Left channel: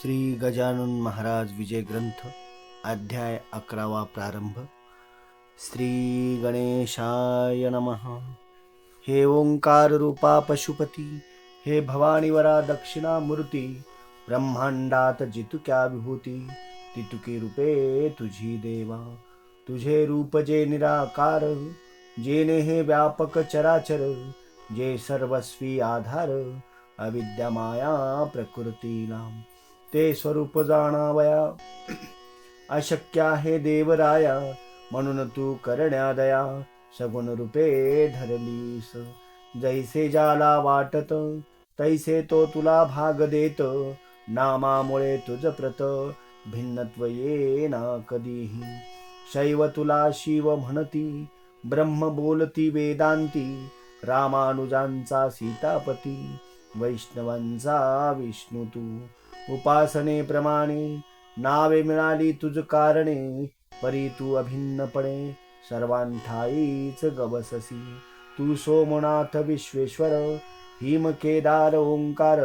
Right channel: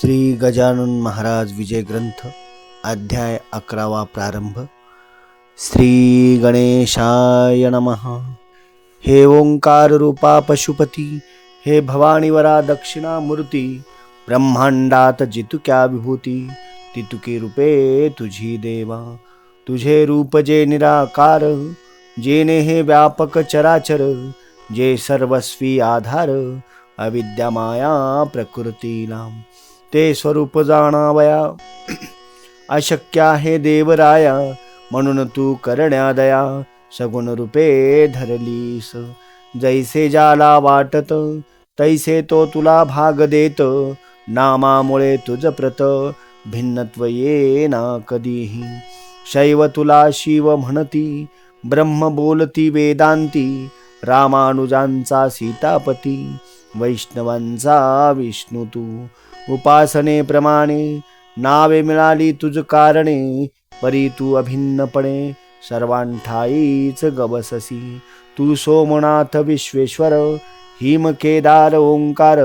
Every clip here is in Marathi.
श्री गजानन महाराज विजय ग्रंथ अध्याय 11वा प्रारंभ. श्री गणेशाय नमः. हे ओंकार रूपा पशुपती, हे भवानीवरा दक्षिणामूर्ती, ब्रह्मांडात जितुक्या विभूती, तितुके रूपे तुझी देवा. तुझे रूप जे निराकार, जेने हे व्यापक चराचर, जे सर्वस्वी आधार, अविद्या माया प्रकृतीला ते स्वरूप जाणावया. अशक्य आहे देवराया, म्हणून तू करण्या दया. सगुण रूपे धरलीस, जैसे ज्याला वाटत, तैसे तो तुला भाग देत. नामामुळे तुझ प्रत, भिन्नत्व येना कधीही. शैव तुला शिव म्हणती, ब्रह्म बोलती वेदांती. रामानुजांचा सीतापती, वैष्णवांचा विष्णू तू. उपासनेप्रमाणे नावे मिळाली तुझ कारणे, परी तू अभिन्नपणे सर्वांठाईच गवससी. तू सोमनाथ विश्वेश्वर, हिम केदार ओंकार,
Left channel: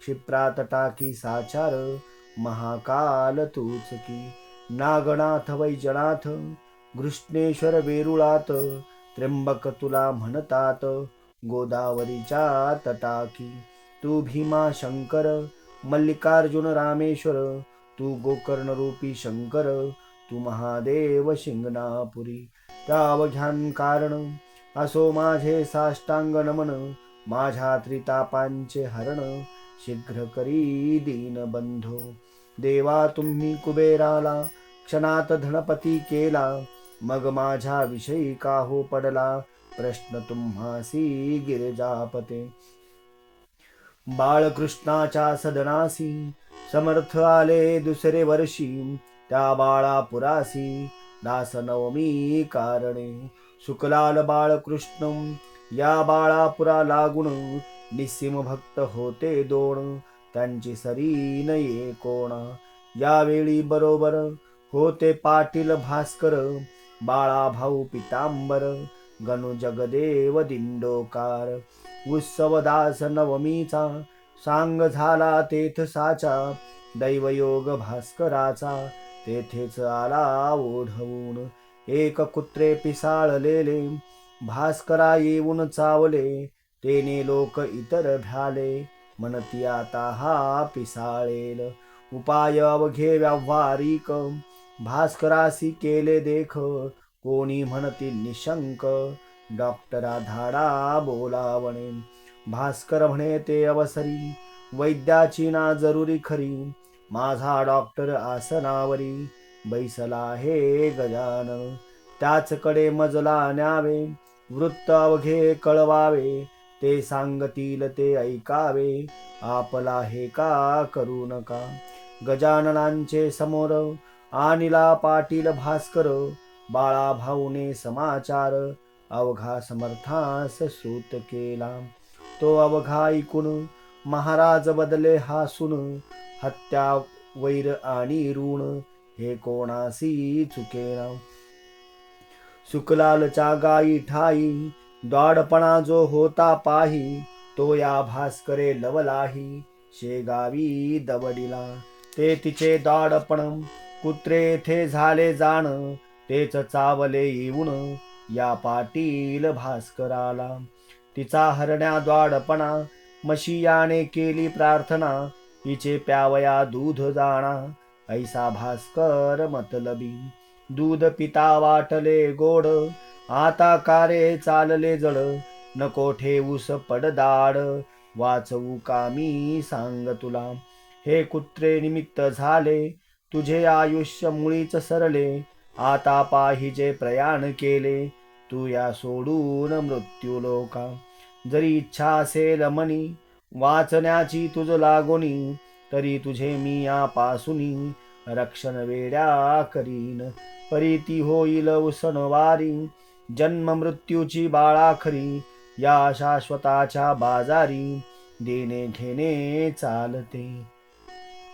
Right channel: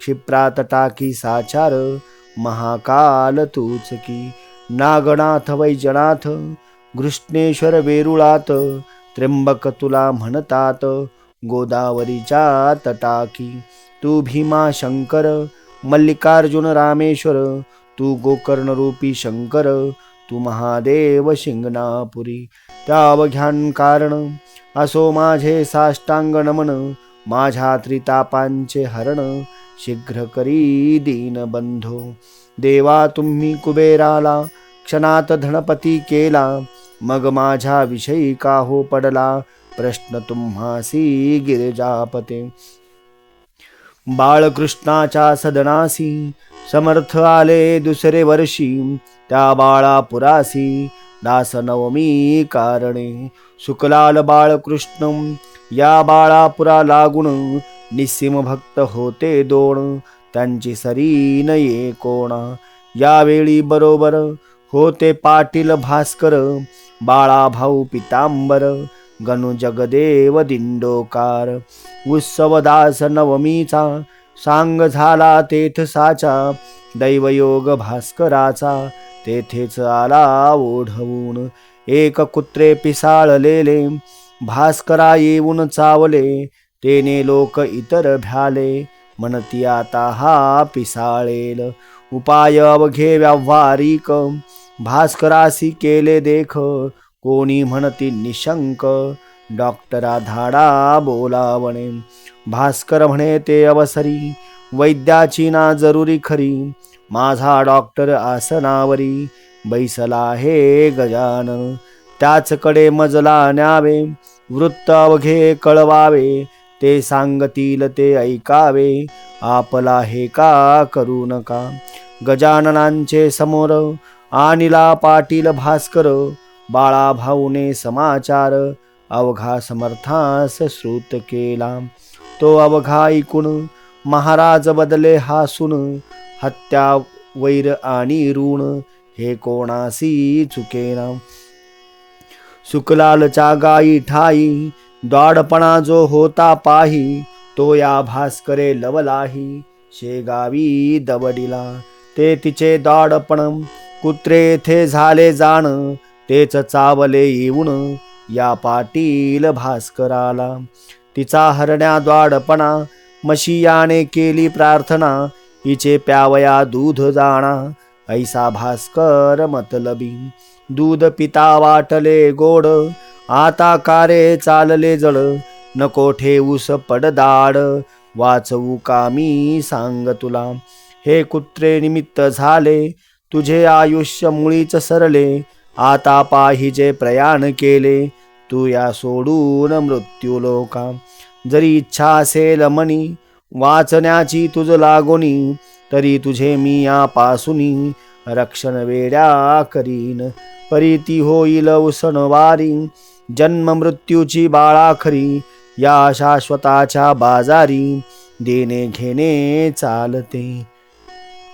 क्षिप्रात टाकी साचार, महाकाल तूच की. नागनाथ वैजनाथ, घृष्णेश्वर वेरुळात, त्र्यंबक तुला म्हणतात, गोदावरीच्या तटाकी. तू भीमा शंकर, मल्लिकार्जुन रामेश्वर, तू गोकर्ण रूपी शंकर, तू महादेव शिंगणापुरी. त्या अवघ्यान कारण असो माझे साष्टांग नमन, माझ्या त्रितापांचे हरण, शीघ्र करी दीनबंधो. देवा तुम्ही कुबेराला क्षणात धनपती केला, मग माझ्या विषयी का हो पडला प्रश्न तुम्हासी गिरिजापते. बाळकृष्णाच्या सदनासी समर्थ आले दुसरे वर्षी, त्या बाळापुरासी दासनवमी कारणे. शुक्लाल बाळकृष्ण या बाळापुरा लागून, निस्सीम भक्त होते दोन, त्यांची सरी नये कोणा. यावेळी बरोबर होते पाटील भास्कर, बाळा भाऊ पितांबर, गणू जगदेव दिंडोकार. उत्सवदास नवमीचा सांग झाला तेथ साचा, दैवयोग भास्कराचा तेथेच आला ओढवून. एक कुत्रे पिसाळलेले भास्करा येऊन चावले, तेने लोक इतर भ्याले, म्हणती आता हा पिसाळेल. उपाय अवघे व्यावहारिक, भास्करासी केले देख, कोणी म्हणती निशंक, डॉक्टरा धाडा बोलावणे. भास्कर म्हणे ते अवसरी, वैद्याची ना जरुरी खरी. माझा डॉक्टर आसनावरी, बैसला हे गजानन. त्याचकडे मजला न्यावे, वृत्त अवघे कळवावे, ते सांगतील ते ऐकावे, आपला हे का करू नका. गजाननांचे समोर आणिला पाटील भास्कर, बाळा भाऊने समाचार अवघा समर्थास श्रुत केला. तो अवघा ऐकून महाराज बदले हासून, हत्या वैर आणि ऋण हे कोणासी चुकेना. सुकलालच्या गायी ठाई द्वाडपणा जो होता पाही, तो या भास्करे लवलाही शेगावी दवडिला. ते तिचे द्वाडपण कुत्रे येथे झाले जाण, तेच चावले येऊन या पाटील भास्कराला. तिचा हरण्या द्वाडपणा मशियाने केली प्रार्थना, हिचे प्यावया दूध जाणा, ऐसा भास्कर मतलबी. दूध पिता वाटले गोड, आता कारे चालले जड, नको ठेवूस पडदाड, वाचवू का मी सांग तुला. हे कुत्रे निमित्त झाले, तुझे आयुष्य मुळीच सरले, आता पाहिजे प्रयाण केले, तू या सोडून मृत्यू लोका. जरी इच्छा असेल मनी वाचण्याची तुझ लागोनी, तरी तुझे मी यापासूनी रक्षण वेड्या करीन. परीती होईल उसनवारी, जन्म मृत्यूची बाळा खरी, या शाश्वताच्या बाजारी देणे घेणे चालते.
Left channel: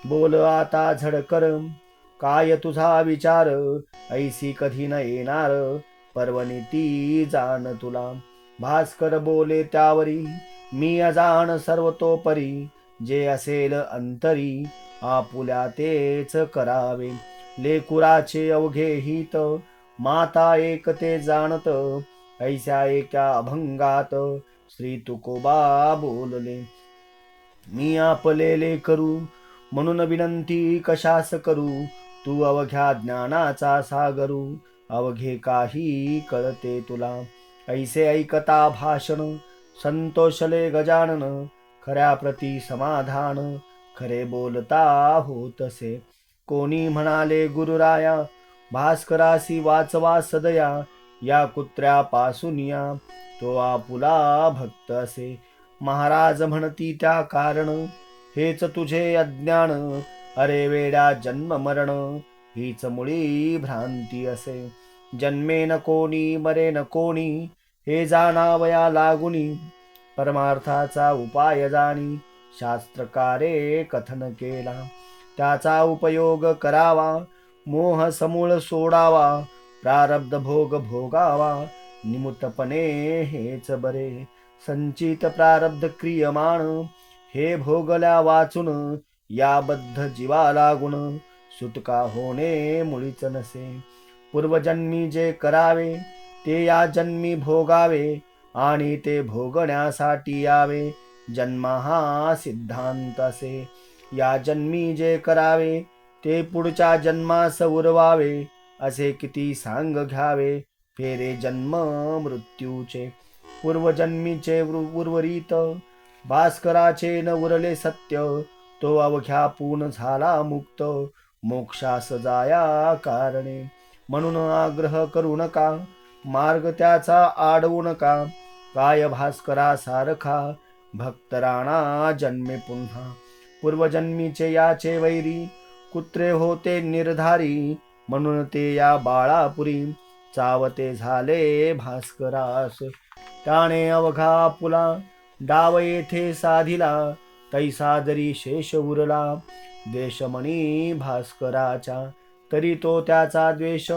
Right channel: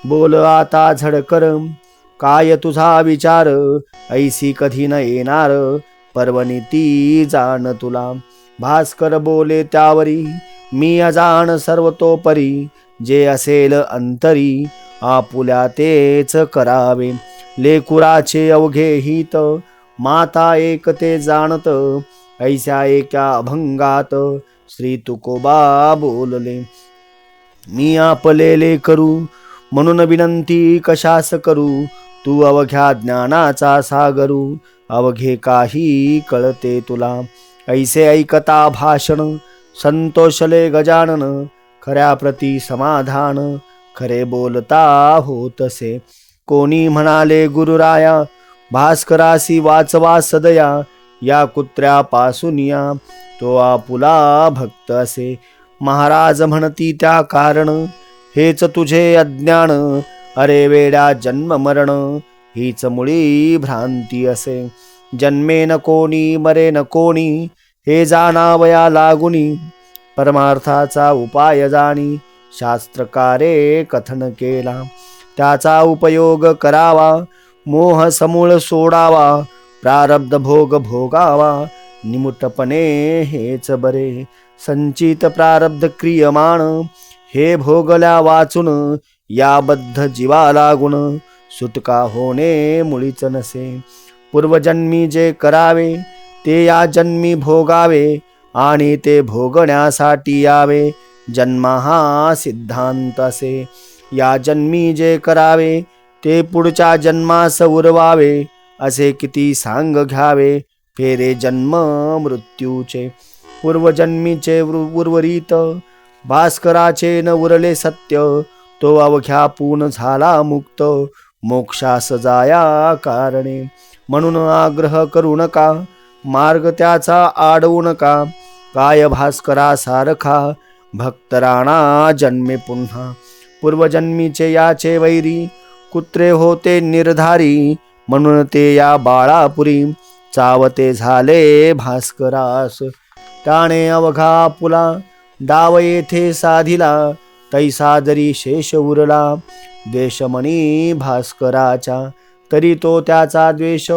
बोल आता झडकर, काय तुझा विचार, ऐसी कधी न येणार, पर्वणी ती जाण तुला. भास्कर बोले त्यावरी, मी अजाण सर्वतोपरी, जे असेल अंतरी, आपुल्या तेच करावे. लेकुराचे अवघे हित माता एक ते जाणत. ऐस्या एका अभंगात श्री तुकोबा बोलले. मी आपलेले करू म्हणून विनंती कशास करू. तू अवघ्या ज्ञानाचा सागरू. अवघे काही कळते तुला. ऐसे ऐकता भाषण संतोषले गजानन. खऱ्या प्रती समाधान खरे बोलता होतसे. कोणी म्हणाले गुरुराया भास्करासी वाचवा सदया. या कुत्र्यापासून या तो आपुला भक्त असे. महाराज म्हणती त्या कारण हेच तुझे अज्ञान. अरे वेड्या जन्म मरण हीच मुळी भ्रांती असे. जन्मे न कोणी मरे न कोणी हे जाणावया लागुनी. परमार्थाचा उपाय जाणी शास्त्रकारे कथन केला. त्याचा उपयोग करावा मोह समूळ सोडावा. प्रारब्ध भोग भोगावा निमुटपणे हेच बरे. संचित प्रारब्ध क्रियमाण हे भोगल्या वाचून. याबद्ध जीवा लागून सुटका होणे मुळीच नसे. पूर्वजन्मी जे करावे ते या जन्मी भोगावे. आणि ते भोगण्यासाठी यावे जन्म हा सिद्धांत असे. या जन्मी जे करावे ते पुढच्या जन्मास उरवावे. असे किती सांग घ्यावे फेरे जन्म मृत्यूचे. पूर्वजन्मीचे उर्वरित भास्कराचे न उरले सत्य. तो अवघ्या पून झाला मुक्त मोक्षास जाया कारणे. म्हणून आग्रह करू नका मार्ग त्याचा आडवू नका. काय भास्करा सारखा भक्त राणा जन्मे पुन्हा. पूर्वजन्मीचे याचे वैरी कुत्रे होते निर्धारी. म्हणून ते या बाळापुरी चावते झाले भास्करास. त्याने अवघा पुला डाव येथे साधिला. तैसा जरी शेष उरला द्वेषमणी भास्कराचा. तरी तो त्याचा द्वेष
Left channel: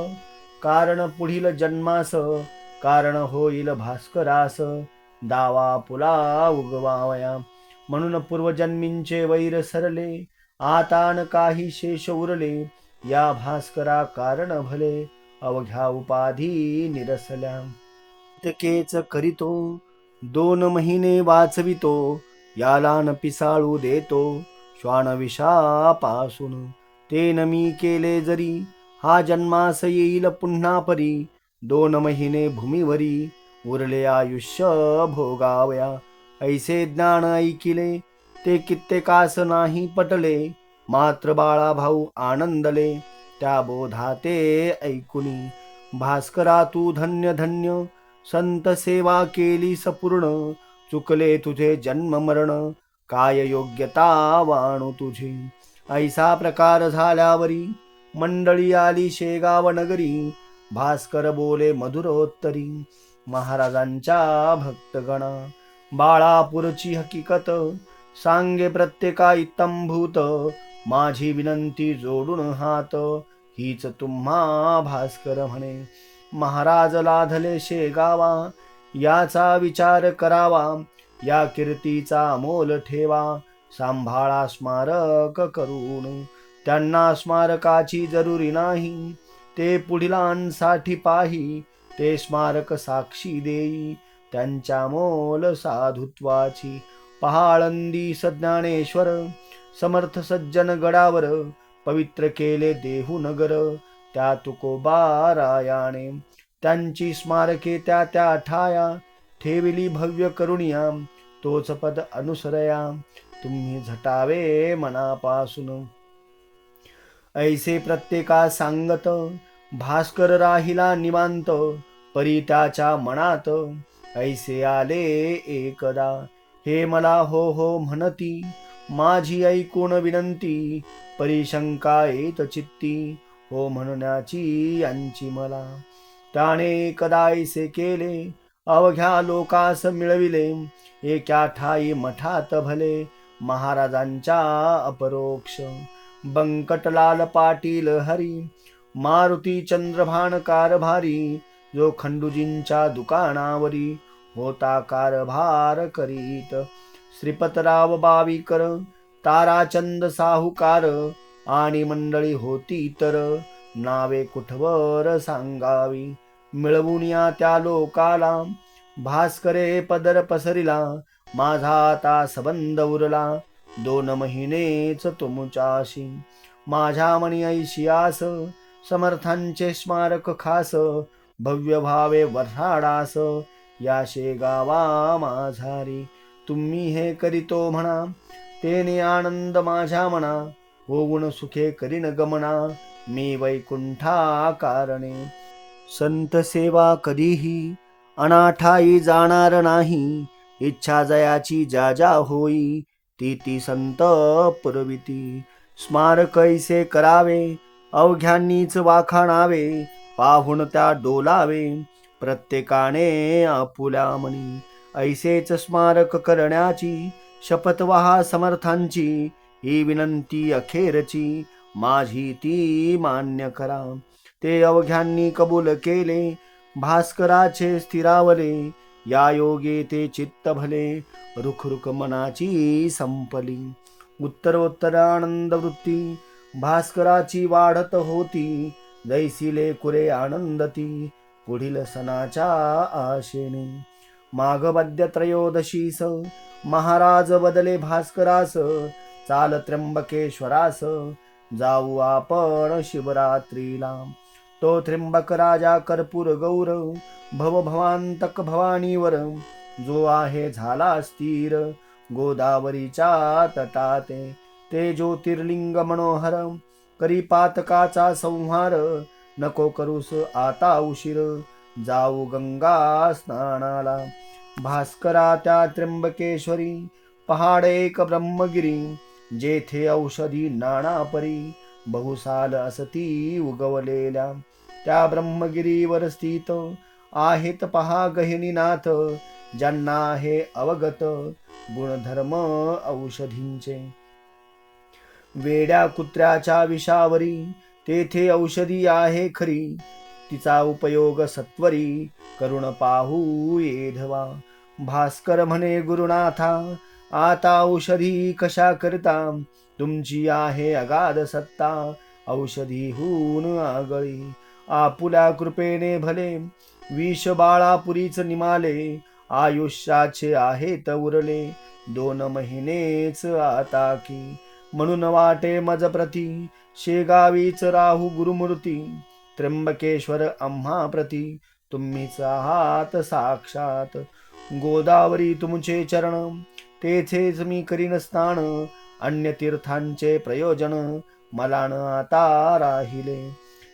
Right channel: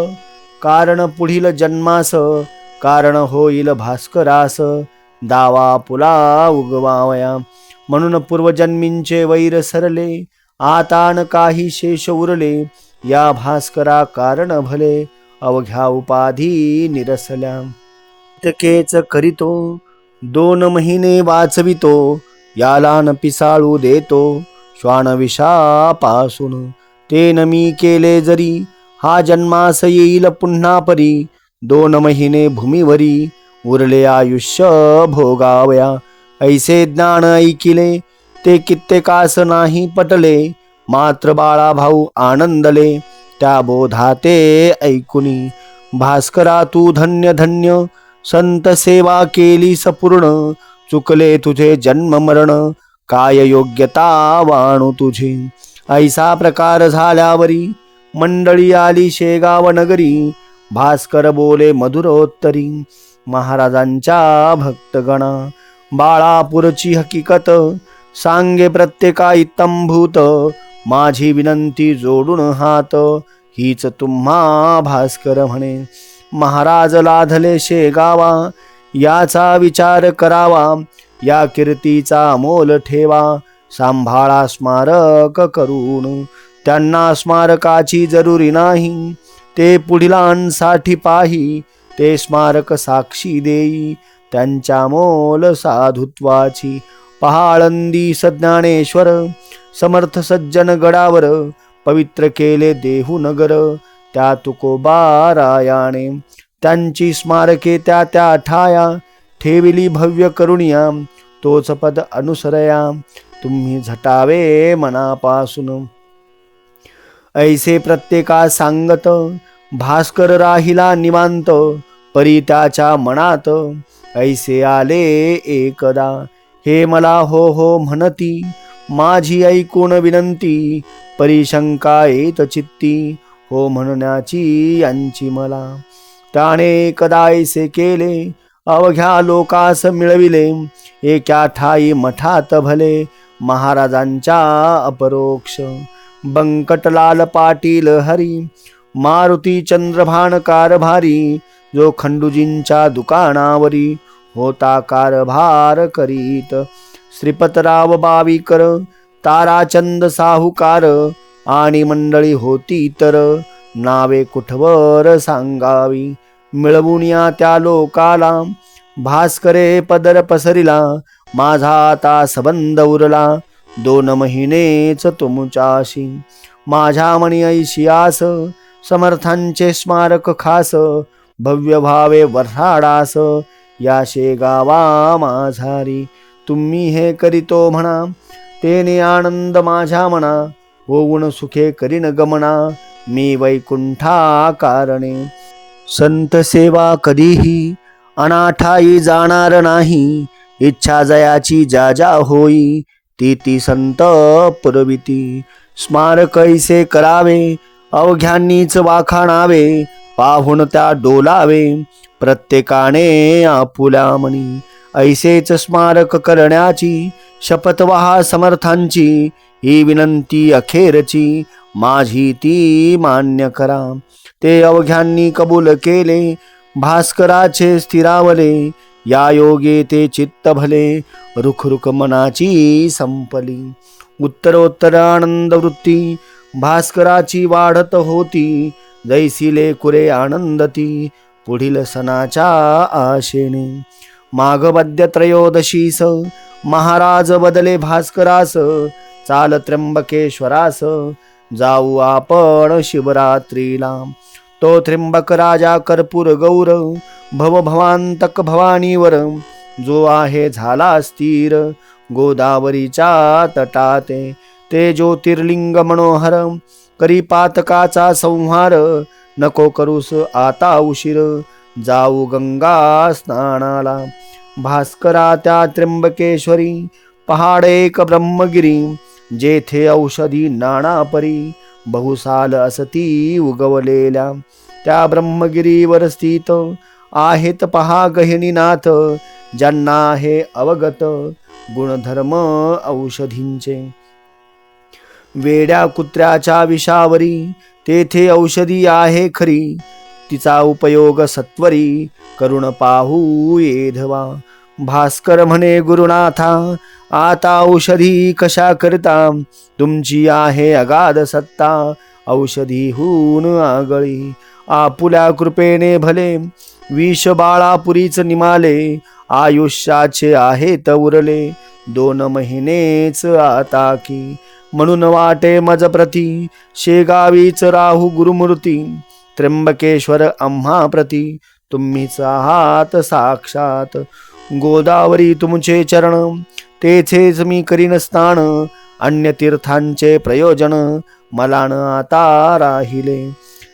कारण पुढील जन्मास कारण होईल भास्करास. दावा पुला उगवावया म्हणून पूर्वजन्मींचे वैर सरले. आता न काही शेष उरले या भास्करा कारण भले. अवघ्या उपाधी निरसल्या तकेच करीतो. 2 महिने वाचवितो याला न पिसाळू देतो. श्वान विषापासून ते न मी केले जरी. हा जन्मास येईल पुन्हा परी. 2 महिने भूमीवरी उरले आयुष्य भोगावया. ऐसे ज्ञान ऐकिले ते कित्येकास नाही पटले. मात्र बाळा भाऊ आनंदले त्या बोधाते ऐकुनी. भास्करा तू धन्य धन्य संत सेवा केली सपूर्ण. चुकले तुझे जन्म मरण काय योग्यता वाणू तुझी. ऐसा प्रकार झाल्यावरी मंडळी आली शेगाव नगरी. भास्कर बोले मधुरोत्तरी महाराजांच्या भक्तगणा. बाळापूरची हकीकत सांगे प्रत्येका इत्तंभूत. माझी विनंती जोडून हात हीच तुम्हा भास्कर म्हणे. महाराज लाधले शेगावा याचा विचार करावा. या कीर्तीचा मोल ठेवा सांभाळा स्मारक करून. त्यांना स्मारकाची जरुरी नाही ते पुढीलांसाठी पाही. ते स्मारक साक्षी देई त्यांच्या मोल साधुत्वाची. पहाळंदी सज्ञानेश्वर समर्थ सज्जन गडावर. पवित्र केले देहू नगर त्या तुकोबा रायाने. त्यांची स्मारके त्या त्या ठाया ठेविली भव्य करुणिया. तोच पद अनुसरया तुम्ही झटावे मनापासून. ऐसे प्रत्येका सांगत भास्कर राहिला निवांत. परी त्याच्या मनात ऐसे आले एकदा. हे मला हो हो म्हणती माझी ऐकून विनंती. परी शंका येत चित्ती हो म्हणण्याची यांची मला. त्याने एकदा ऐसे केले अवघ्या लोकास मिळविले. एका ठाई मठात भले महाराजांच्या अपरोक्ष. बंकटलाल पाटील हरी मारुती चंद्रभान कारभारी. जो खंडूजींच्या दुकानावरी होता कारभार करीत. श्रीपतराव बावीकर ताराचंद साहुकार आणि मंडळी होती तर नावे कुठवर सांगावी. मिळवून या त्या लोकाला भास्करे पदर पसरिला. माझा आता संबंध उरला 2 महिनेच तुमच्याशी. माझ्या मनी ऐशियास समर्थांचे स्मारक खास. भव्य भावे वर्हाडास या शेगावा माझारी. तुम्ही हे करीतो म्हणा तेने आनंद माझ्या मना. होऊन सुखे करीन गमना मी वैकुंठा कारणे. संत सेवा कधीही अनाठाई जाणार नाही. इच्छा जयाची ज्या ज्या होई ती संत पुरविती. स्मारक ऐसे करावे अवघ्यांनीच वाखाणावे. पाहून त्या डोलावे प्रत्येकाने आपुल्या मनी. ऐसेच स्मारक करण्याची शपथ वहा समर्थांची. ही विनंती अखेरची माझी ती मान्य करा. ते अवघ्यांनी कबूल केले भास्कराचे स्थिरावले. या योगे ते चित्त भले रुख मनाची संपली. उत्तरोत्तर आनंद वृत्ती भास्कराची वाढत होती. जैसी लेकुरे आनंदती पुढील सणाच्या आशेने. माघ मध्य त्रयोदशीस महाराज बदले भास्करास. चाल त्र्यंबकेश्वरास जाऊ आपण शिवरात्रीला. तो त्र्यंबक राजा कर्पूर गौर भवभवांतक भवानीवर. जो आहे झाला स्थिर गोदावरीच्या तटाते. ते ज्योतिर्लिंग मनोहर करी पातकाचा संहार. नको करूस आता उशीर जाऊ गंगा स्नानाला. भास्करा त्या त्र्यंबकेश्वरी पहाड एक ब्रह्मगिरी. जेथे औषधी नाना परी बहुसाल असती उगवलेल्या. त्या ब्रह्मगिरीवर स्थित आहेत पहा गहिनीनाथ. ज्यांना आहे अवगत गुणधर्म औषधींचे. वेड्या कुत्र्याच्या विषावरी तेथे औषधी आहे खरी. तिचा उपयोग सत्वरी करुण पाहू येधवा. भास्कर म्हणे गुरुनाथा आता औषधी कशा करता. तुमची आहे अगाध सत्ता औषधीहून आगळी. आपुल्या कृपेने भले विष बाळापुरीच निमाले. आयुष्याचे आहेत उरले 2 महिनेच आता की. म्हणून वाटे मज प्रती शेगावीच राहू गुरुमूर्ती. त्र्यंबकेश्वर आम्हा प्रती तुम्हीच आहात साक्षात. गोदावरी तुमचे चरण तेथेच मी करीन स्नान. अन्य तीर्थांचे प्रयोजन मला न आता राहिले.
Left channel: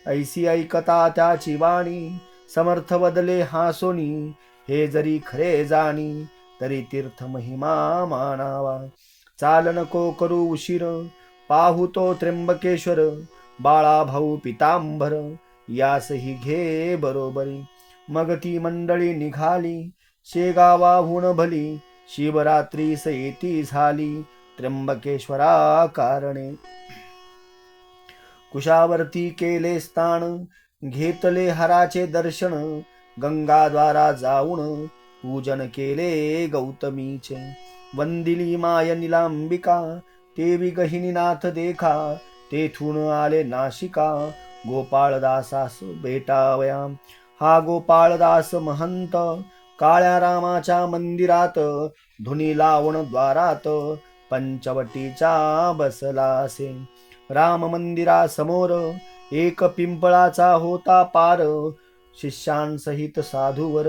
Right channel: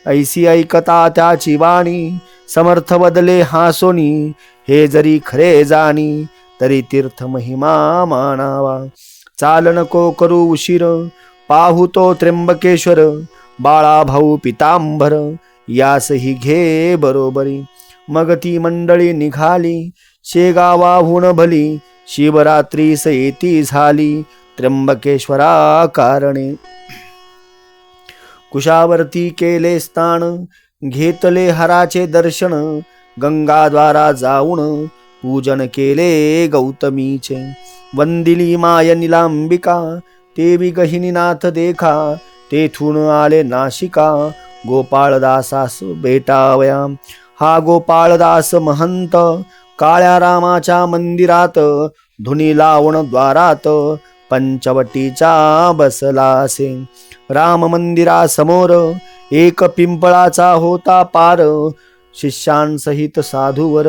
ऐसी ऐकता त्याची वाणी समर्थ बदले हासोनी. हे जरी खरे जाणी तरी तीर्थ महिमा मानावा. चाल नको करू उशीर पाहू तो त्र्यंबकेश्वर. बाळा भाऊ पितांबर यासही घे बरोबरी. मग ती मंडळी निघाली शेगावाहून भली. शिवरात्री येती झाली त्र्यंबकेश्वरा कारणे. कुशावरती केले स्थान घेतले हराचे दर्शन. गंगाद्वारा जाऊन पूजन केले गौतमीचे. वंदिली माय निलांबिका देवी गहिनीनाथ देखा. तेथून आले नाशिका गोपाळदासास भेटावया. हा गोपाळदास महंत काळ्या रामाच्या मंदिरात. धुनी लावून द्वारात पंचवटीचा बसलासे. राम मंदिरासमोर एक पिंपळाचा होता पार. शिष्यांसहित साधूवर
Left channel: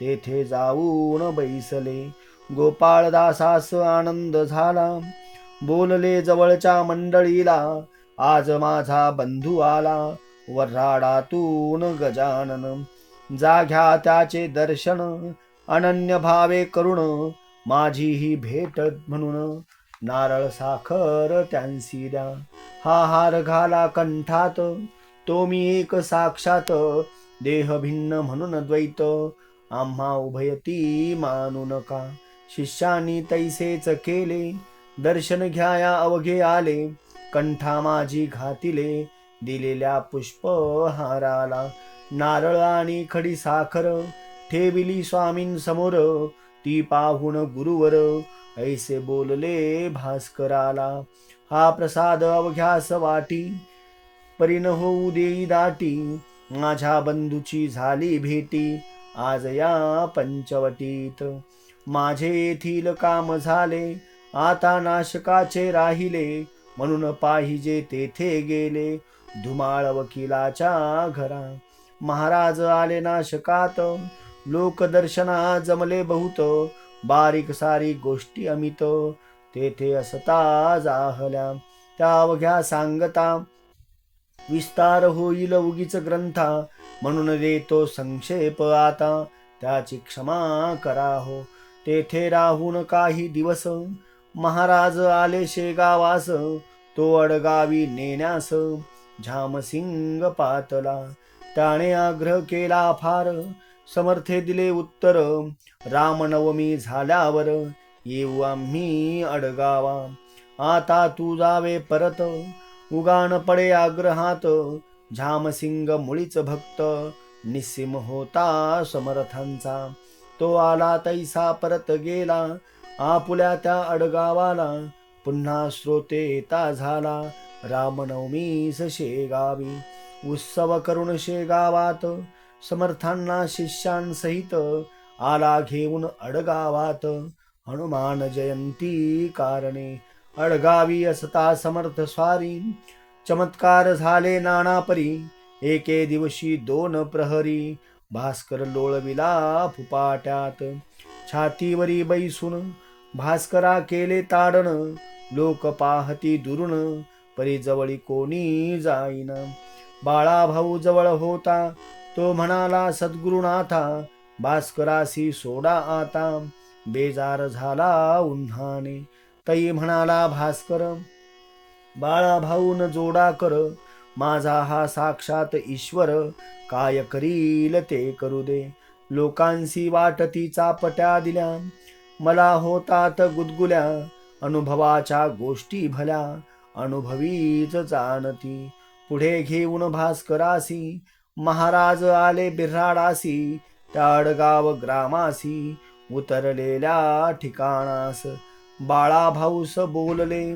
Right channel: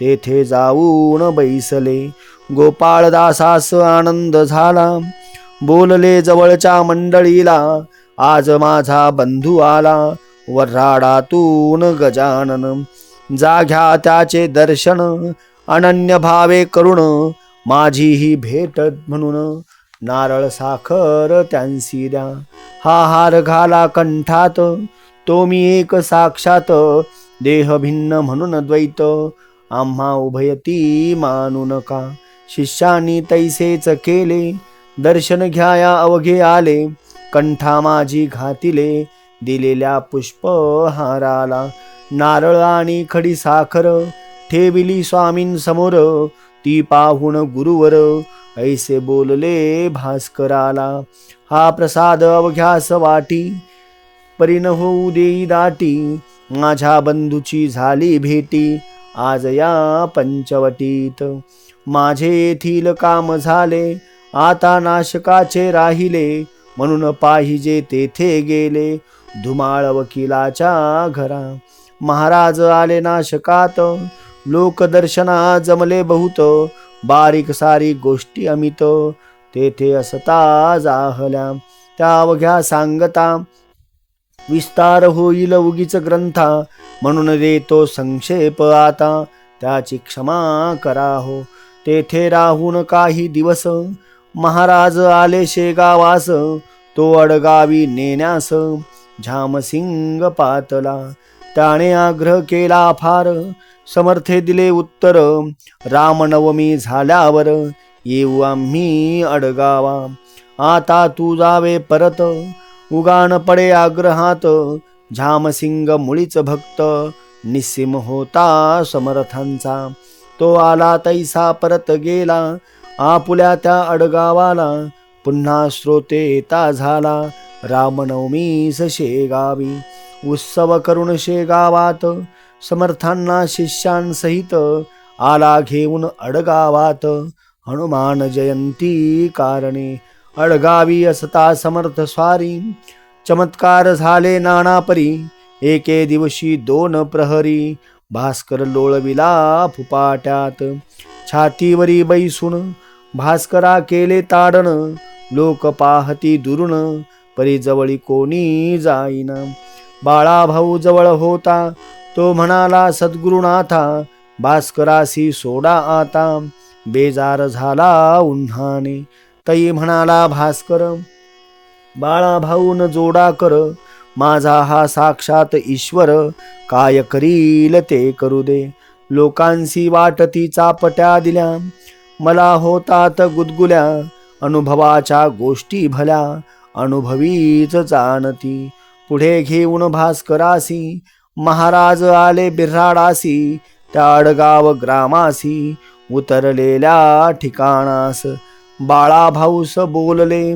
तेथे जाऊन बैसले. गोपाळदासास आनंद झाला. बोलले जवळच्या मंडळीला आज माझा बंधू आला. वर्हाडातून गजानन जाघ्या त्याचे दर्शन. अनन्य भावे करुण माझी ही भेट म्हणून. नारळ साखर त्यांसी द्या. हा हार घाला कंठात तो मी एक साक्षात. देह भिन्न म्हणून द्वैत आम्हा उभयती मानू नका. शिष्यानी तैसेच केले दर्शन घ्याया अवघे आले. कंठा माझी घातिले दिलेल्या पुष्पहाराला. नारळ आणि खडी साखर ठेविली स्वामींसमोर. ती पाहून गुरुवर ऐसे बोलले भास्कराला. हा प्रसाद अवघ्यास वाटी, परीन होऊ देई दाटी. माझ्या बंधूची झाली भेटी, आज या पंचवटीत. माझे येथील काम झाले, आता नाशकाचे राहिले. म्हणून पाहिजे तेथे गेले, धुमाळ वकिलाच्या घरा. महाराज आले नाशकात, लोकदर्शना जमले बहुत. बारीक सारीक गोष्टी अमित, तेथे असता जाहल्या. त्या अवघ्या सांगता, विस्तार होईल उगीच ग्रंथा. म्हणून देतो संक्षेप आता, त्याची क्षमा करा हो. तेथे राहून काही दिवस, महाराज आले शेगावास. तो अडगावी नेण्यास झामसिंग पातला. त्याने आग्रह केला फार, समर्थे दिले उत्तर. रामनवमी झाल्यावर येऊ आम्ही अडगावा. आता तू जावे परत, उगाण पडे आग्रहात. झामसिंग मुळीच भक्त, निस्सीम होता समर्थांचा. तो आला तैसा परत गेला, आपुल्या त्या अडगावाला. पुन्हा श्रोते येता झाला, रामनवमीस शेगावी. उत्सव करून शेगावात, समर्थांना शिष्यांसहित. आला घेऊन अडगावात, हनुमान जयंती कारणे. अडगावी असता समर्थ स्वारी, चमत्कार झाले नाना परी. एके दिवशी 2 प्रहरी, भास्कर लोळविला फुपाट्यात. छातीवरी बैसून भास्करा केले ताडण. लोक पाहती दुरून, परी जवळी कोणी जाईन. बाळा भाऊ जवळ होता, तो म्हणाला सद्गुरुनाथा. भास्करासी सोडा आता, बेजार झाला उन्हाने. तई म्हणाला भास्कर, बाळा भाऊन जोडा कर. माझा हा साक्षात ईश्वर, काय करील ते करू दे. लोकांसी वाटती चापट्या दिल्या, मला होतात गुदगुल्या. अनुभवाच्या गोष्टी भल्या, अनुभवीच जाणती. पुढे घेऊन भास्करासी, महाराज आले बिऱ्हाडासी. त्या अडगाव ग्रामासी, उतरलेल्या ठिकाणास. बाळा भाऊस बोलले,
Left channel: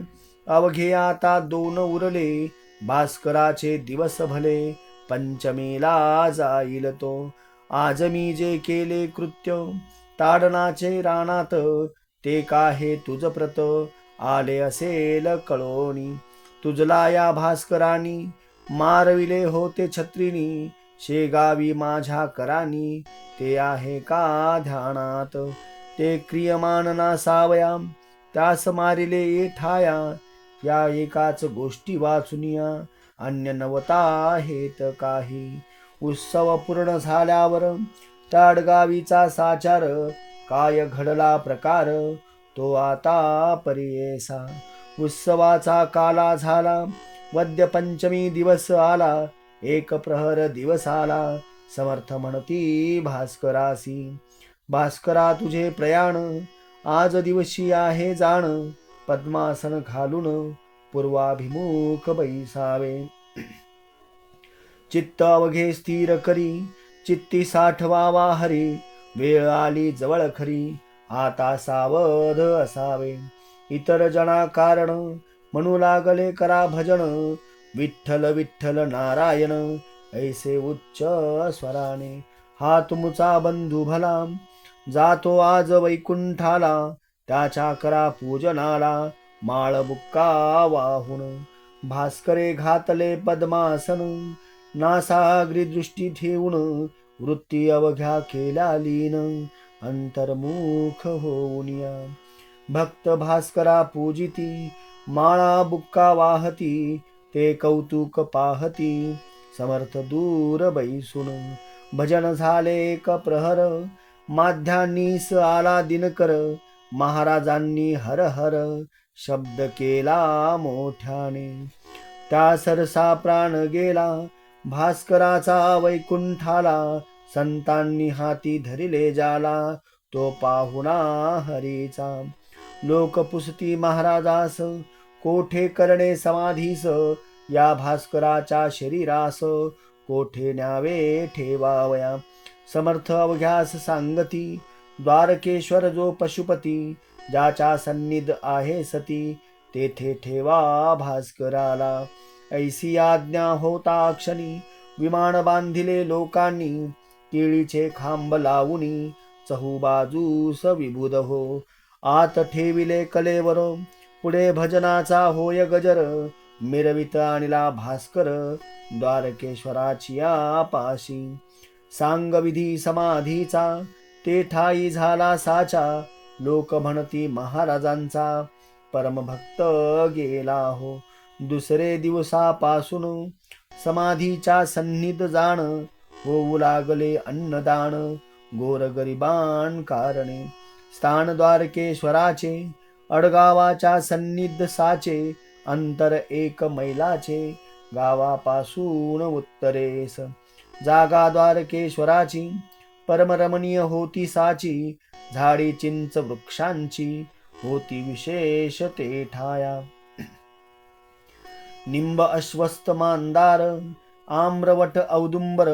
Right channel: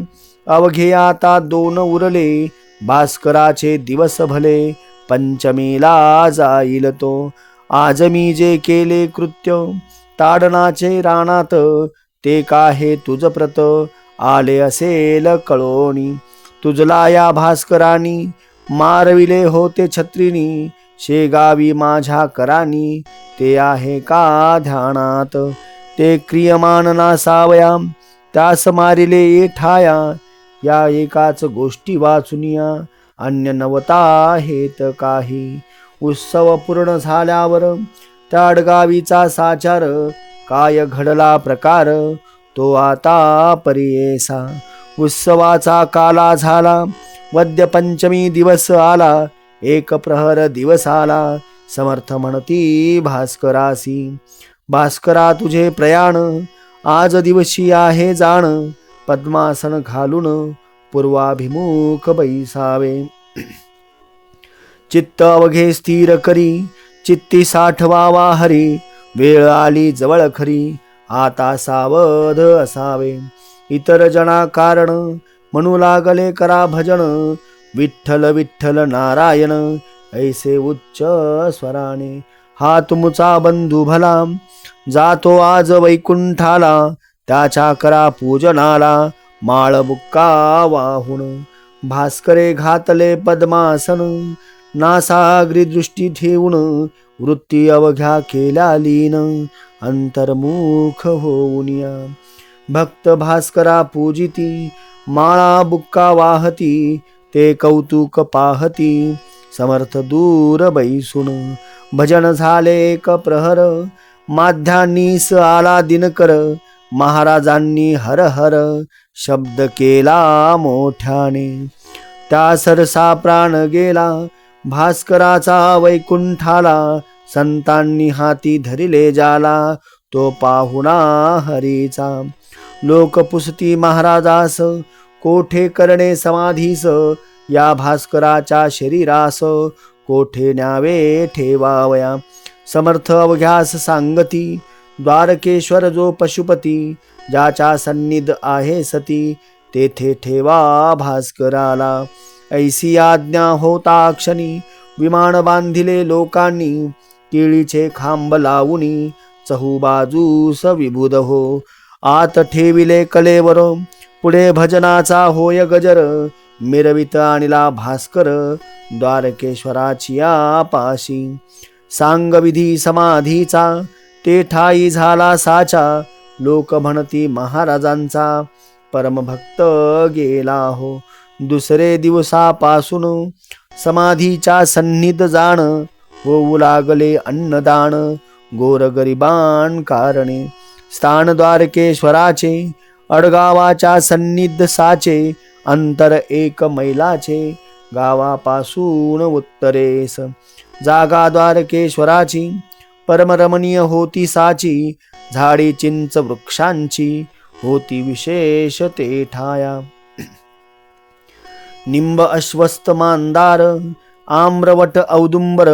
अवघे आता 2 उरले. भास्कराचे दिवस भले, पंचमीला जाईल तो. आज मी जे केले कृत्य, ताडनाचे रानात. ते काहे तुझ प्रत, आले असेल कळोनी. तुझला या भास्करानी, मारविले होते छत्रीनी. शेगावी माझ्या करानी, ते आहे का ध्यानात. ते क्रियमान नासावया, त्यास मारिले ठाया. या एकाच गोष्टी वाचुनिया, अन्य नवता हेत काही. उत्सव पूर्ण झाल्यावर त्या अडगावीचा साचार. काय घडला प्रकार, तो आता परियेसा. उत्सवाचा काला झाला, वद्य पंचमी दिवस आला. एक प्रहर दिवस आला, समर्थ म्हणती भास्करासी. भास्करा तुझे प्रयाण, आज दिवशी आहे जाण. पद्मासन घालून पूर्वाभिमुख बैसावे. चित्त अवघे स्थिर करी, चित्ती साठवावा हरी. वेळ आली जवळ खरी, आता सावध असावे. इतर जना कारण, म्हणू लागले करा भजन. विठ्ठल विठ्ठल नारायण, ऐसे उच्च स्वराने. हा तुमचा बंधू भला, जातो आज वैकुंठाला. त्याच्या करा पूजनाला, माळ बुक्का वाहून. भास्करे घातले पद्मासन, नासाग्री दृष्टी ठेवून. वृत्ती अवघ्या केल्या लीन, अंतर्मुख होऊन या. भक्त भास्करा पूजिती, माळा बुक्का वाहती. ते कौतुक पाहती, समर्थ दूर बैसून. भजन झाले एक प्रहर, माध्यानीस आला दिनकर. महाराजांनी हर हर शब्द केला मोठ्याने. त्या सरसा प्राण गेला, भास्कराचा वैकुंठाला. संतांनी हाती धरिले जाला, तो पाहुणा हरीचा. लोक पुसती महाराजास, कोठे करणे समाधीस. या भास्कराच्या शरीरास, कोठे न्यावे ठेवावया. समर्थ अवघ्यास सांगती, द्वारकेश्वर जो पशुपती, ज्याच्या सन्निध आहे सती, तेथे ठेवा भास्कराला. ऐसी आज्ञा होता क्षणी, विमान बांधिले लोकांनी, केळीचे खांब लावूनी, चहूबाजूस विबुध हो. आत ठेविले कलेवर, पुढे भजनाचा होय गजर, मिरवित आणला भास्कर, द्वारकेश्वराची या पाशी. सांगविधी समाधीचा, ते ठाई झाला साचा, लोक म्हणती महाराजांचा, परमभक्त गेला हो. दुसरे दिवसापासून समाधीच्या सन्निध जाण, होऊ लागले अन्नदान, गोरगरिबां कारणे. स्थान द्वारकेश्वराचे, अडगावाच्या सन्निध साचे, अंतर 1 मैलाचे, गावापासून उत्तरेस. जागा द्वारकेश्वराची, परमरमणीय होती साची, झाडी चिंच वृक्षांची, होती विशेष ते ठाया. निंब अश्वस्त मांदार, आम्रवट औदुंबर,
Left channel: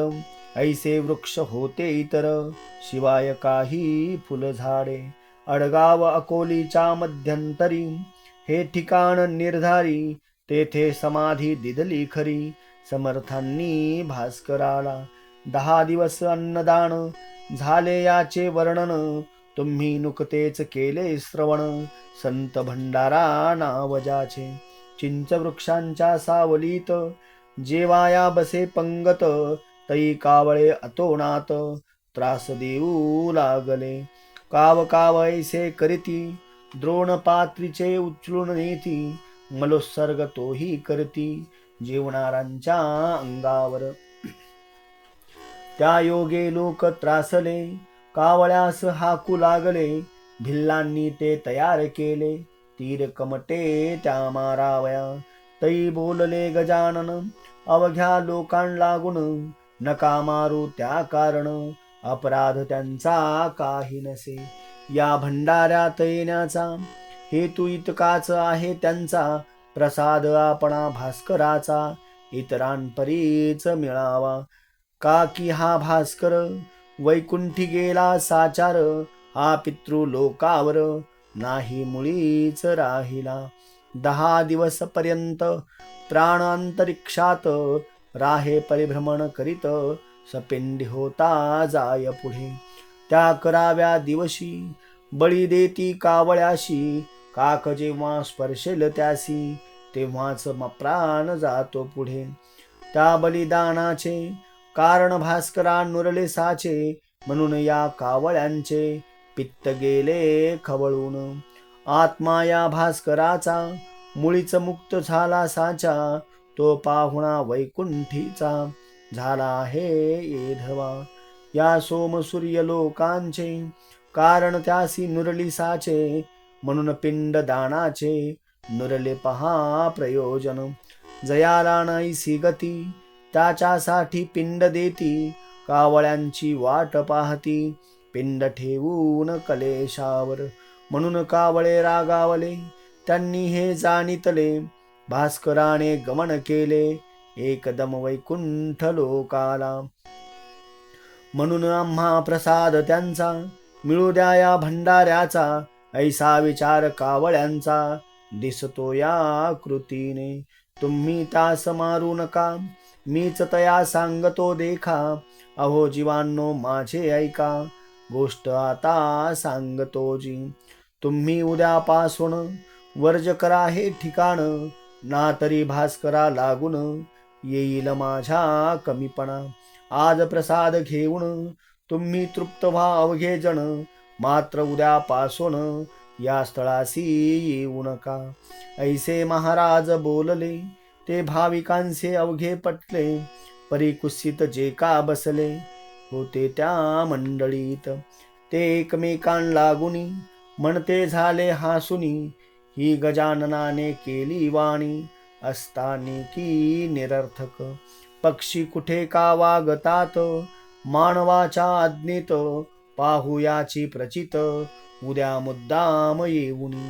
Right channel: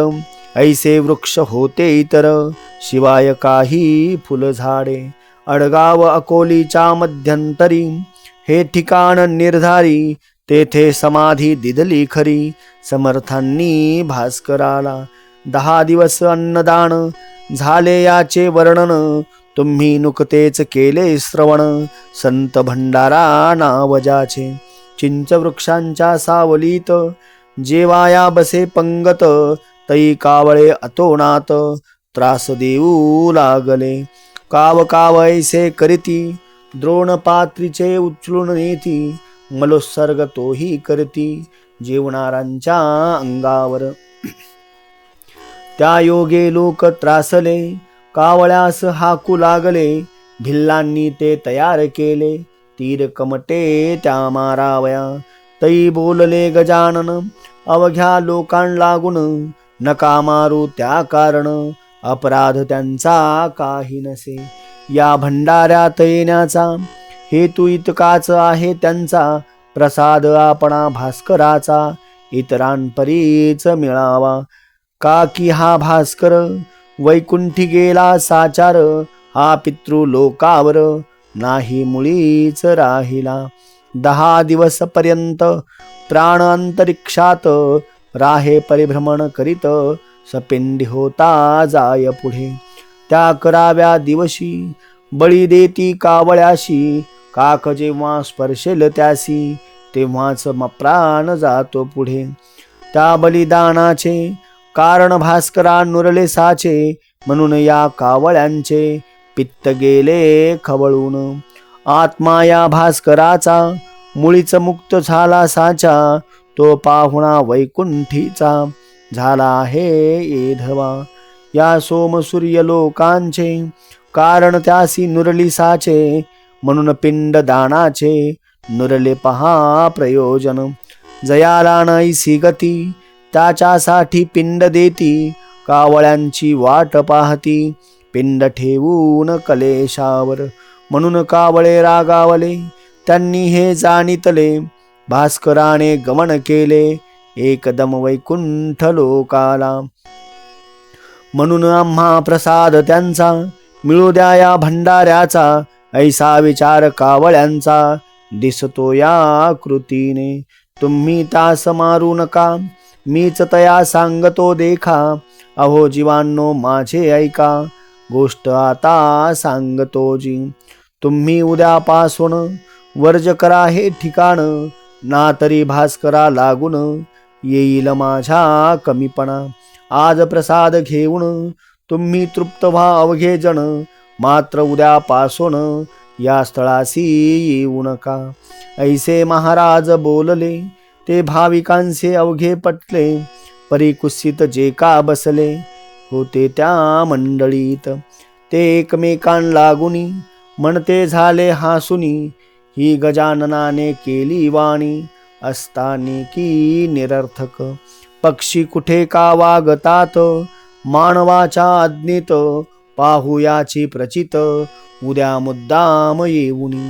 ऐसे वृक्ष होते इतर, शिवाय काही फुलझाडे. अडगाव अकोलीच्या मध्यंतरी, हे ठिकाण निर्धारी, तेथे समाधी दिदली खरी, समर्थांनी भास्कराला. 10 दिवस अन्नदान झाले याचे वर्णन, तुम्ही नुकतेच केले श्रवण, संत भंडारा नाव ज्याचे. चिंच वृक्षांच्या सावलीत, जेवाया बसे पंगत, तई कावळे अतोनात, त्रास देऊ लागले. काव काव ऐसे करीती, द्रोणपात्रीचे उचलून नेती, मलोत्सर्ग तोही करती, जेवणाऱ्यांच्या अंगावर. त्या योगे लोक त्रासले, कावळ्यास हाकू लागले, भिल्लांनी ते तयार केले, तीर कमटे त्या मारावया. तई बोलले गजानन, अवघ्या लोकां लागून, नका मारू त्या कारण, अपराध त्यांचा काही नसे. या भंडाऱ्यात येण्याचा हेतू इतकाच आहे त्यांचा, प्रसाद आपणा भास्कराचा, इतरांपरीच मिळावा. का की हा भास्कर, वैकुंठी गेला साचार, हा पितृलोकावर, नाही मुळीच राहिला. 10 दिवस पर्यंत प्राण अंतरिक्षात, राहे परिभ्रमण करीत, सपिंडी होता जाय पुढे. त्या 11व्या दिवशी, बळी देती कावळ्याशी, काक जेव्हा स्पर्शेल त्यासी, तेव्हाच प्राण जातो पुढे. त्या बलिदानाचे कारण भास्करा नुरले साचे, म्हणून या कावळ्यांचे पित्त गेले खवळून. आत्मा या भास्कराचा, मुळीच मुक्त झाला साचा, तो पाहुणा वैकुंठीचा, झाला आहे येधवा. या सोमसूर्य लोकांचे, कारण त्यासी नुरली साचे, म्हणून पिंड दानाचे, नुरले पहा प्रयोजन. जयाला नाहीसी गती, त्याच्यासाठी पिंड देती, कावळ्यांची वाट पाहती, पिंड ठेवून कलेशावर. म्हणून कावळे रागावले, त्यांनी हे जाणितले, भास्कराने गमन केले, एकदम वैकुंठ लोकाला. म्हणून आम्हा प्रसाद त्यांचा, मिळू द्या या भंडाऱ्याचा, ऐसा विचार कावळ्यांचा, दिसतो या कृतीने. तुम्ही तास मारू नका, मीच तया सांगतो देखा, अहो जीवांनो माझे ऐका, गोष्ट आता सांगतो जी. तुम्ही उद्यापासून वर्ज करा हे ठिकाण, ना तरी भास्करा लागून, येईल माझ्या कमीपणा. आज प्रसाद घेऊन तुम्ही तृप्त व्हा अवघे जण, मात्र उद्यापासून या स्थळासी येऊ नका. ऐसे महाराज बोलले, ते भाविकांचे अवघे पटले, परिकुत्सित जे का बसले, होते त्या मंडळीत. ते एकमेकां लागुनी, म्हणते झाले हासुनी, ही गजाननाने केली वाणी, असतानी की निरर्थक. पक्षी कुठे का वागतात, मानवाच्या आज्ञेत, पाहुयाची प्रचित, उद्या मुद्दाम येऊनी.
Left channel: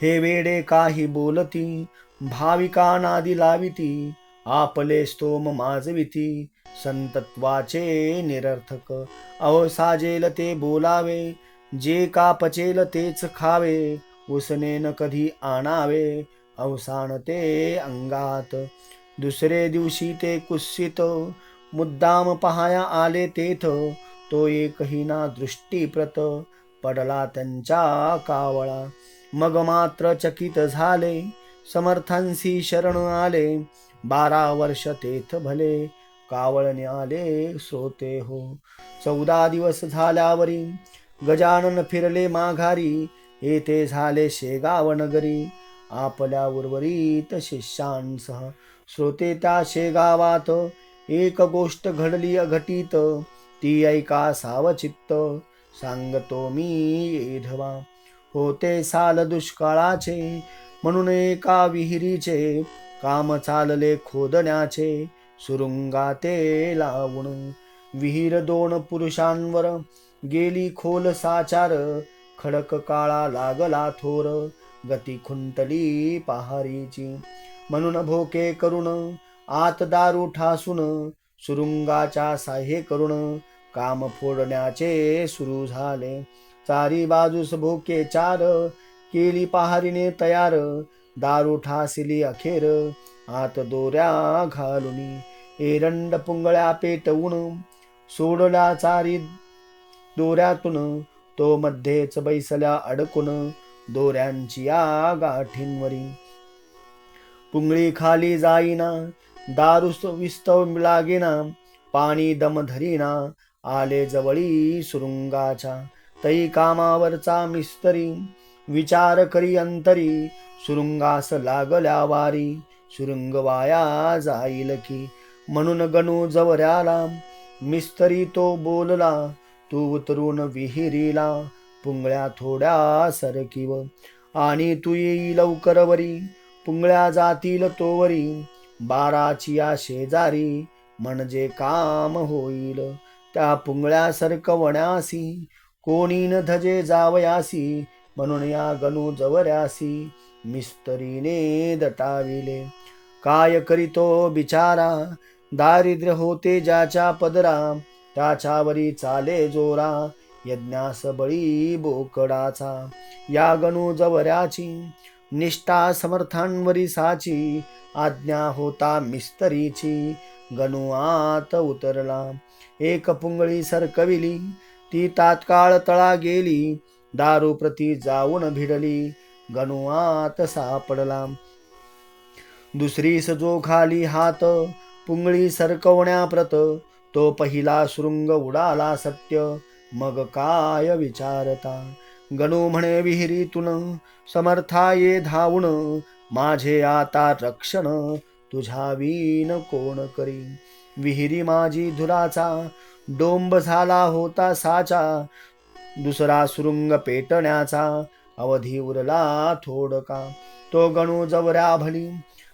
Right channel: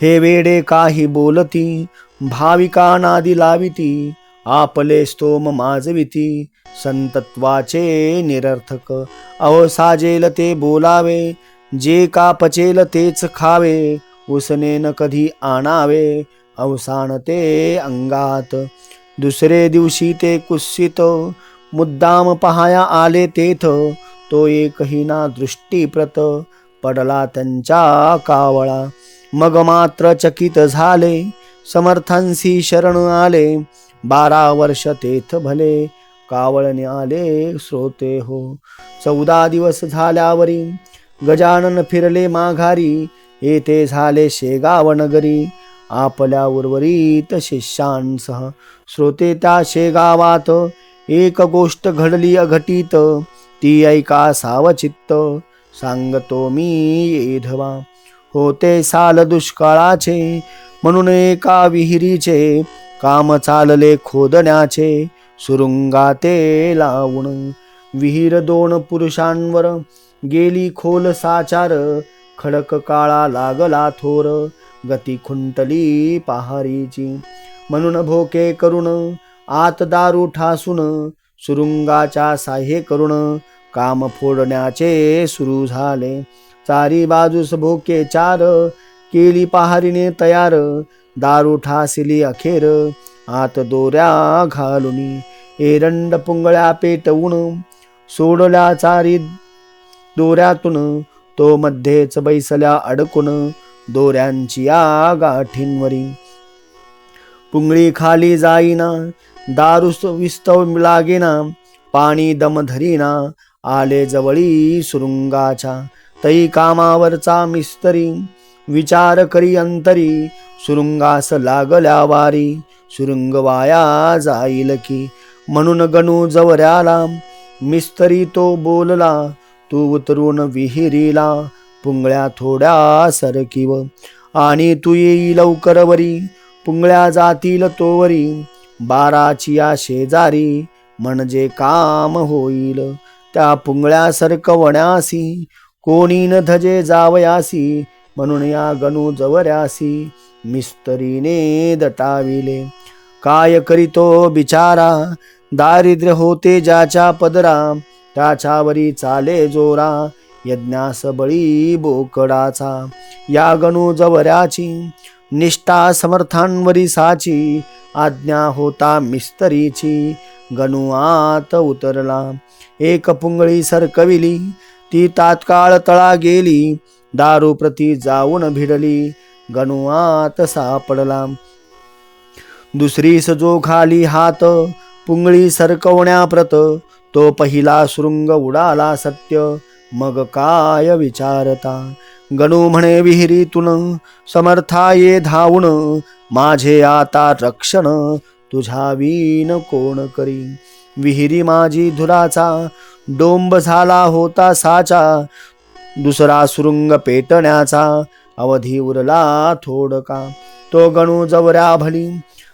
हे वेडे काही बोलती, भाविका नादी लाविती, आपले स्तोम माजविती संतत्वाचे निरर्थक. अहो साजेल ते बोलावे, जे का पचेल तेच खावे, उसने न कधी आणावे अवसान ते अंगात. दुसरे दिवशी ते कुत्सित मुद्दाम पहाया आले तेथ, तो एकही ना दृष्टीप्रत पडला त्यांच्या कावळा. मग मात्र चकित झाले, समर्थांसी शरण आले, 12 वर्ष तेथ भले, कावळने आले श्रोते हो. 14 दिवस झाल्यावरी गजानन फिरले माघारी, येथे झाले शेगाव नगरी, आपल्या उर्वरित शिष्यांसह. श्रोते त्या शेगावात एक गोष्ट घडली अघटित, ती ऐका सावचित्त, सांगतो मी येधवा. होते साल दुष्काळाचे, म्हणून एका विहिरीचे काम चालले खोदण्याचे, सुरुंगा ते लावून. विहीर 2 पुरुषांवर गेली खोल साचार, खडक काळा लागला थोर, गती खुंटली पहारीची. म्हणून भोके करून आत दारू ठासून, सुरुंगाच्या साह्ये करून काम फोडण्याचे सुरू झाले. चारी बाजूस भोके 4, केली पहारीने तयार, दारू ठासिली अखेर, आत दोऱ्या घालुनी. एरंड पुंगळ्या पेटवून सोडल्या चारी दोऱ्यातून, तो मध्येच बैसल्या अडकून, दोऱ्यांची या गाठींवरी. पुंगळी खाली जाईना, दारू विस्तव लागेना, पाणी दम धरीना, आले जवळी सुरुंगाच्या. तई कामावरचा मिस्त्री विचार करी अंतरी, सुरुंगास लागल्या वारी, सुरुंग वाया जाईल की. म्हणून गणू जवऱ्याला मिस्त्री तो बोलला, तू उतरून विहिरीला, पुंगळ्या थोड्या सरकीव, आणि तू येई लवकर वरी, पुंगळ्या जातील तोवरी, 12ची या शेजारी, म्हणजे काम होईल. त्या पुंगळ्या सरकवण्यासी, कोणी न धजे जावयासी, म्हणून या गणू जवऱ्यासी मिस्त्रीने दटाविले. काय करीतो बिचारा, दारिद्र्य होते ज्याच्या पदरा, त्याच्यावरी चाले जोरा, यज्ञास बळी बोकडाचा. या गणू जवऱ्याची निष्ठा समर्थांवरी साची, आज्ञा होता मिस्त्रीची, गणू आत उतरला. एक पुंगळी सरकविली, ती तात्काळ तळा गेली, दारू प्रती जाऊन भिडली, गणू आत सापडला. दुसरीस जो खाली हात पुंगळी सरकवण्याप्रत, तो पहिला सुरुंग उडाला सत्य, मग काय विचारता. गणू म्हणे विहिरीतून समर्था ये धावून, माझे आता रक्षण तुझ्या विण कोण करी. विहिरी माझी धुराचा डोंब झाला होता साचा, दुसरा सुरुंग पेटण्याचा अवधी उरला थोडका. तो गणू जवऱ्या भली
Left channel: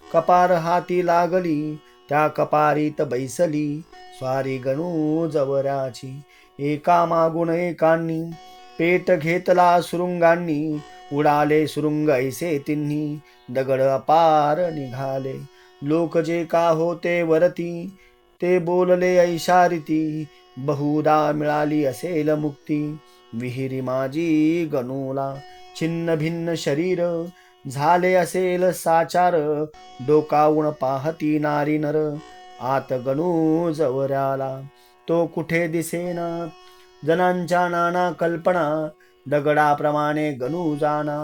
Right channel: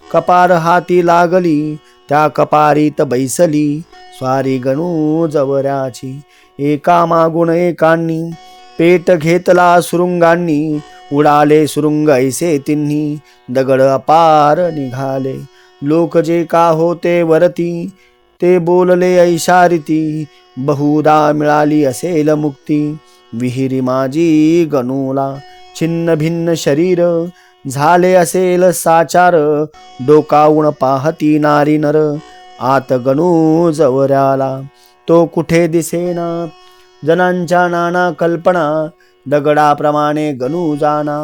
कपार हाती लागली, त्या कपारीत बैसली स्वारी गणू जवऱ्याची. एका मागून एकांनी पेट घेतला सुरुंगांनी, उडाले सुरुंग ऐसे तिन्ही, दगड अपार निघाले. लोक जे का होते वरती, ते बोलले ऐशारीती, बहुधा मिळाली असेल मुक्ती, विहिरी माझी गणूला. छिन्न भिन्न शरीर झाले असेल साचार, डोकावून पाहती नारी नर, आत गणू जवऱ्याला. तो कुठे दिसेना, जनांच्या नाना कल्पना, दगडाप्रमाणे गणू जाना,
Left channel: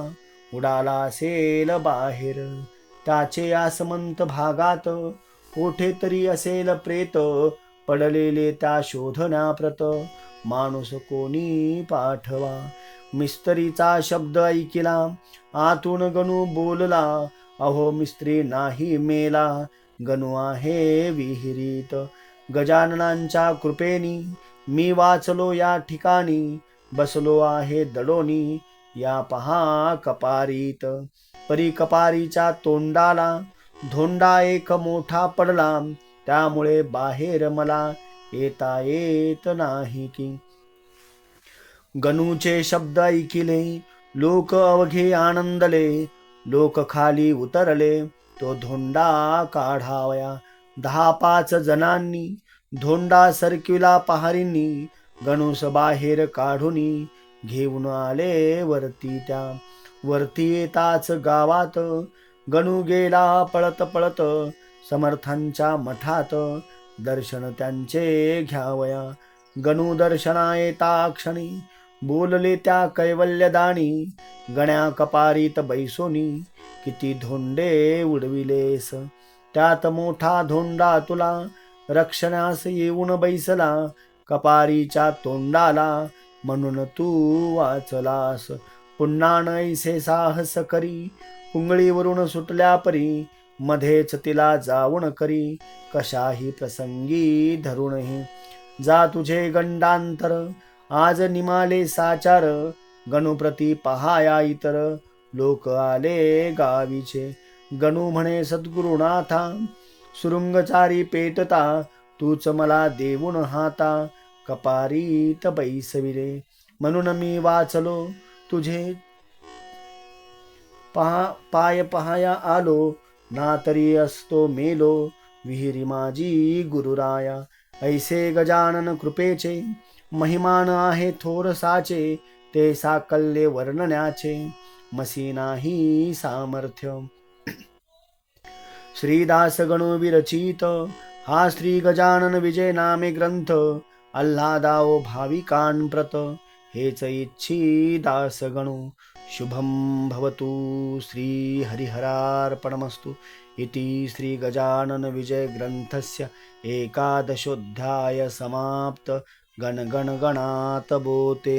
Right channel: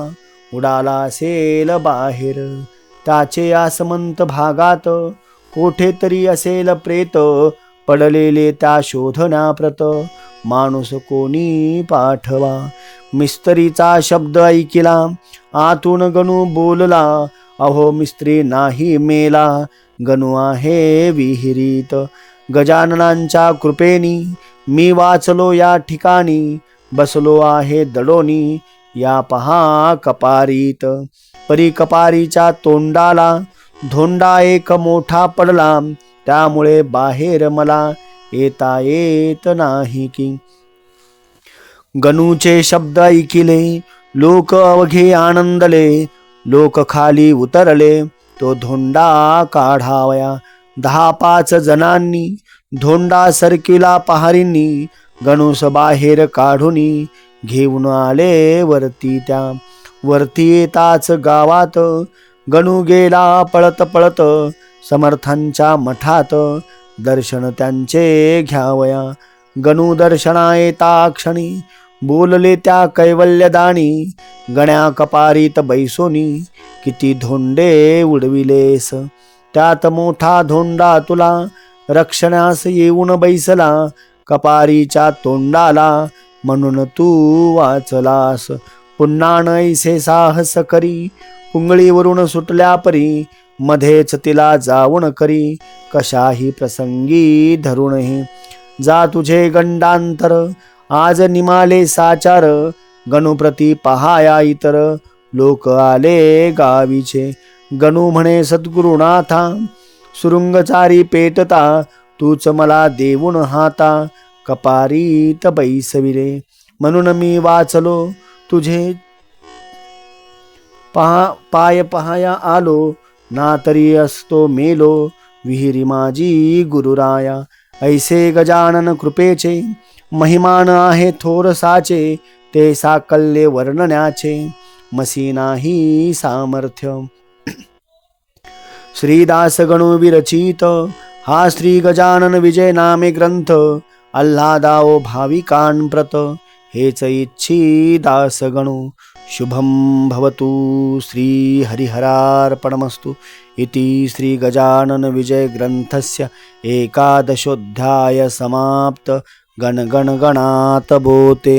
उडाला असेल बाहेर. त्याचे आसमंत भागात कोठे तरी असेल प्रेत, पडलेले त्या शोधण्याप्रत, माणूस कोणी पाठवा. मिस्त्रीचा शब्द ऐकिला, आतून गणू बोलला, अहो मिस्त्री नाही मेला, गणू आहे विहिरीत. गजाननांच्या कृपेनी मी वाचलो या ठिकाणी, बसलो आहे दडोनी या पहा कपारीत. परी कपारीच्या तोंडाला धोंडा एक मोठा पडला, त्यामुळे बाहेर मला येता येत नाही की. गणूचे शब्द ऐकिले लोक अवघे आनंदले, लोक खाली उतरले, तो धोंडा काढावया. 10-5 जणांनी धोंडा सरकिला पहारींनी गणूस बाहेर काढूनी घेऊन आले वरती. त्या वरती येताच गावात गणू गेला पळत पळत समर्थांच्या मठात. दर्शन त्यांचे घ्यावया गणू दर्शना येता क्षणी बोलले त्या कैवल्यदानी. गण्या कपारीत बैसोनी किती धोंडे उडविलेस, त्यात मोठा धोंडा तुला रक्षणास येऊन बैसला. कपारीच्या तोंडाला म्हणून तू वाचलास. पुन्हा नैसे साहस करी पुंगळीवरून सुटल्या परी. मध्येच तिला जाऊन करी कशाही प्रसंगी धरूनही. जा तुझे गंडांतर आज निमाले साचार. गणुप्रती पहाया इतर लोक आले गावीचे. गणू म्हणे सद्गुरुनाथा सुरुंगचारी पेटता. तूच मला देऊन हाता कपारीत बैसविले. म्हणून मी वाचलो तुझे पाय पहाया आलो. ना तरी असतो मेलो विहिरी माझी गुरुराया. ऐसे गजानन कृपेचे महिमान आहे थोर साचे. ते साकल्ये वर्णण्याचे मसी नाही सामर्थ्य. श्रीदास गणू विरचित हा श्री गजानन विजय नामे ग्रंथ. आल्हादाओ भाविकांप्रत हेच इच्छी दास गणू. शुभम भवतु. श्री हरिहरार्पणमस्तु. इति श्री गजानन विजय ग्रंथस्य एकादशोऽध्याय समाप्त. गण गण गणात बोते.